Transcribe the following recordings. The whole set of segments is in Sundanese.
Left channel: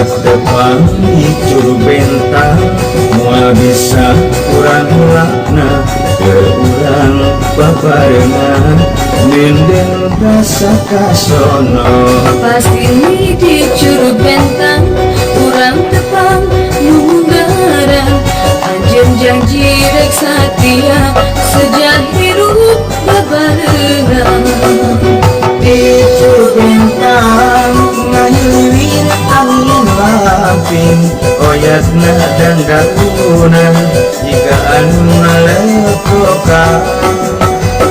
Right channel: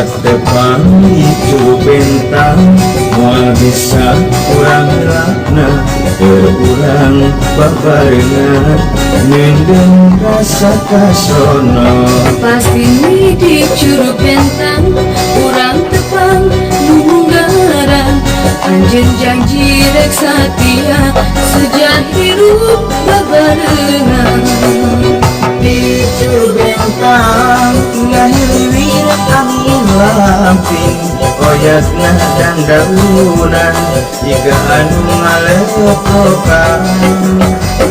Patepang itu bentang moal bisa kurang lakna kurang babarengan nindeng rasa kasono pasti ni di curug bentang kurang tepang nunggaran anjen janji rek satia sejak hirup babarengan di curug bentang ngahiliwir angin lamping oyakna dan daunan jika anu ngaleprokan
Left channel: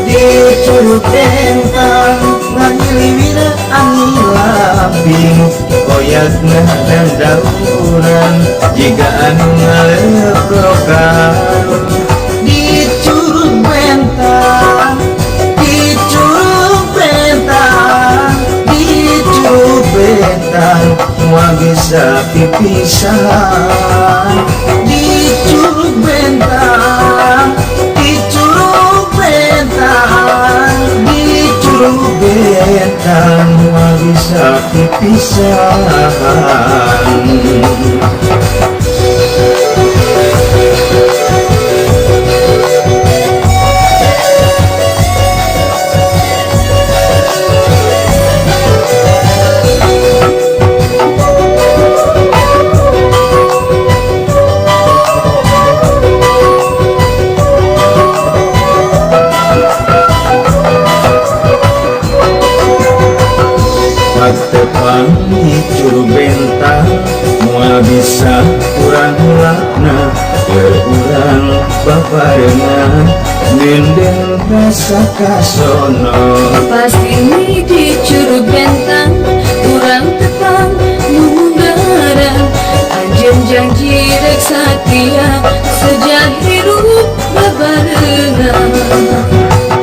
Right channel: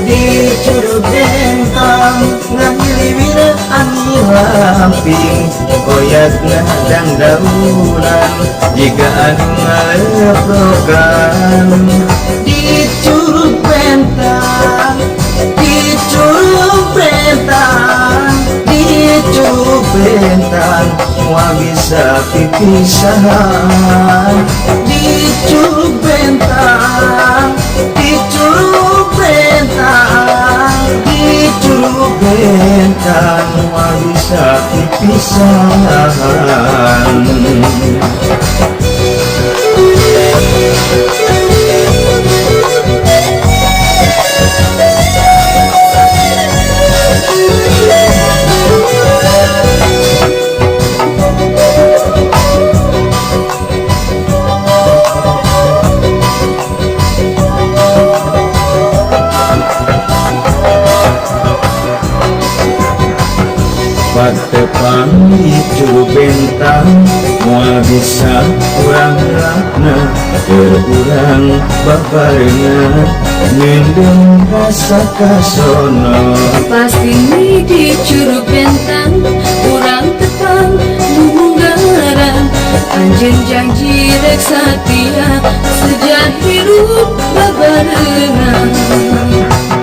di curug bentang ngahiliwir angin lamping oyakna dan daunan jika anu ngaleprokan di curug bentang di curug bentang di curug bentang semua bisa pipisahan di curug bentang di curug bentang di curug bentang semua bisa pipisahan. Patepang itu bentang moal bisa kurang lakna kurang babarengan nindeng rasa kasono pasti ni di curug bentang kurang tepang nunggaran anjen janji rek satia sejak hirup babarengan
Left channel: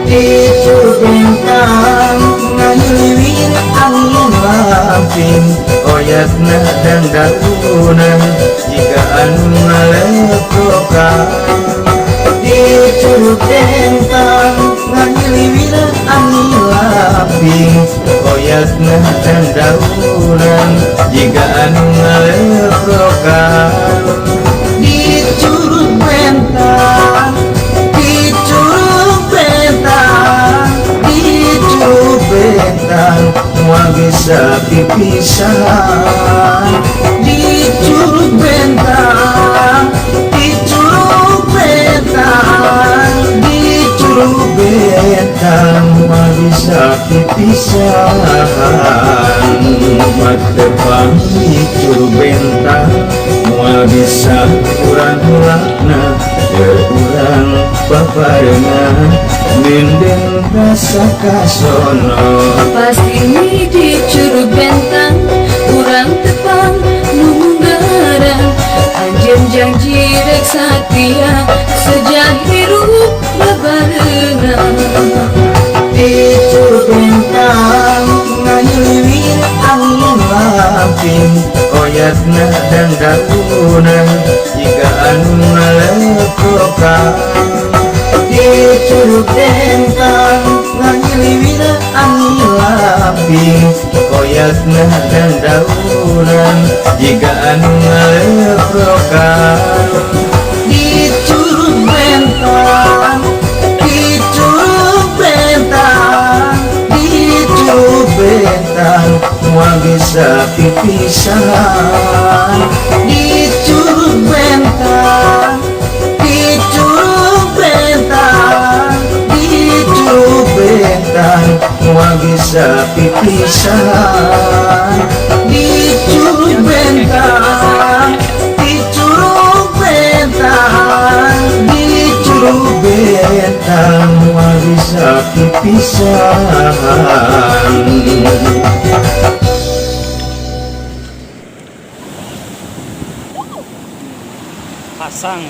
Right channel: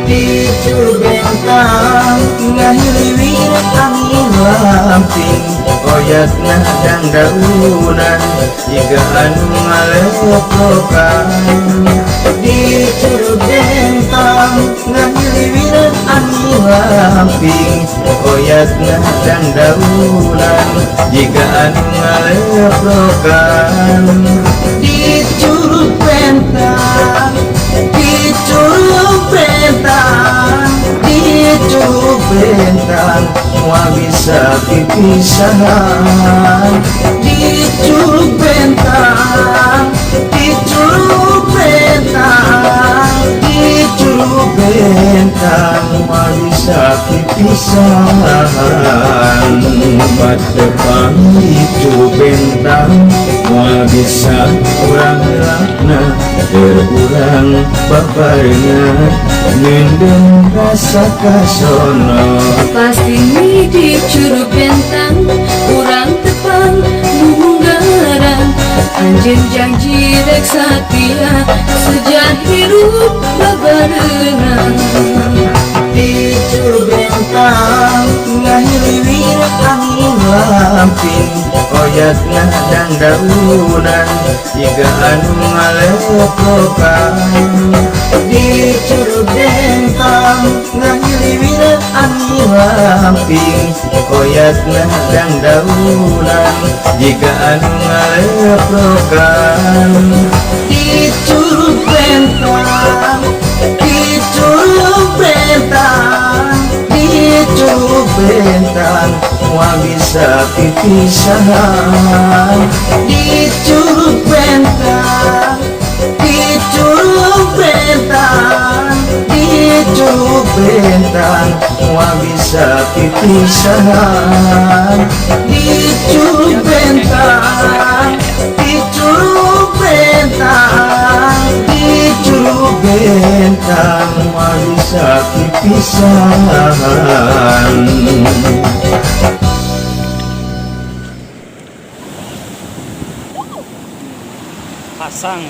di curug bentang ngahiliwir angin lamping oyakna dan daunan jika anu ngaleprokan di curug bentang ngahiliwir angin lamping oyakna dan daunan jika anu ngaleprokan di curug bentang di curug bentang di curug bentang semua bisa pipisahan di curug bentang di curug bentang di curug bentang semua bisa pipisahan patepang di curug bentang semua bisa kurang lakna kurang babarengan nindeng rasa kasono pasti ni di curug bentang kurang tepang nunggaran anjen janji rek satia sejak hirup babarengan di curug bentang ngahiliwir angin lamping oyakna dan daunan jika anu ngaleprokan di curug bentang ngahiliwir angin lamping oyakna dan daunan jika anu ngaleprokan di curug bentang di curug bentang di curug bentang semua bisa pipisahan di curug bentang di curug bentang di curug bentang semua bisa pipisahan di curug bentang di curug bentang di curug bentang semua bisa pipisahan. Pasang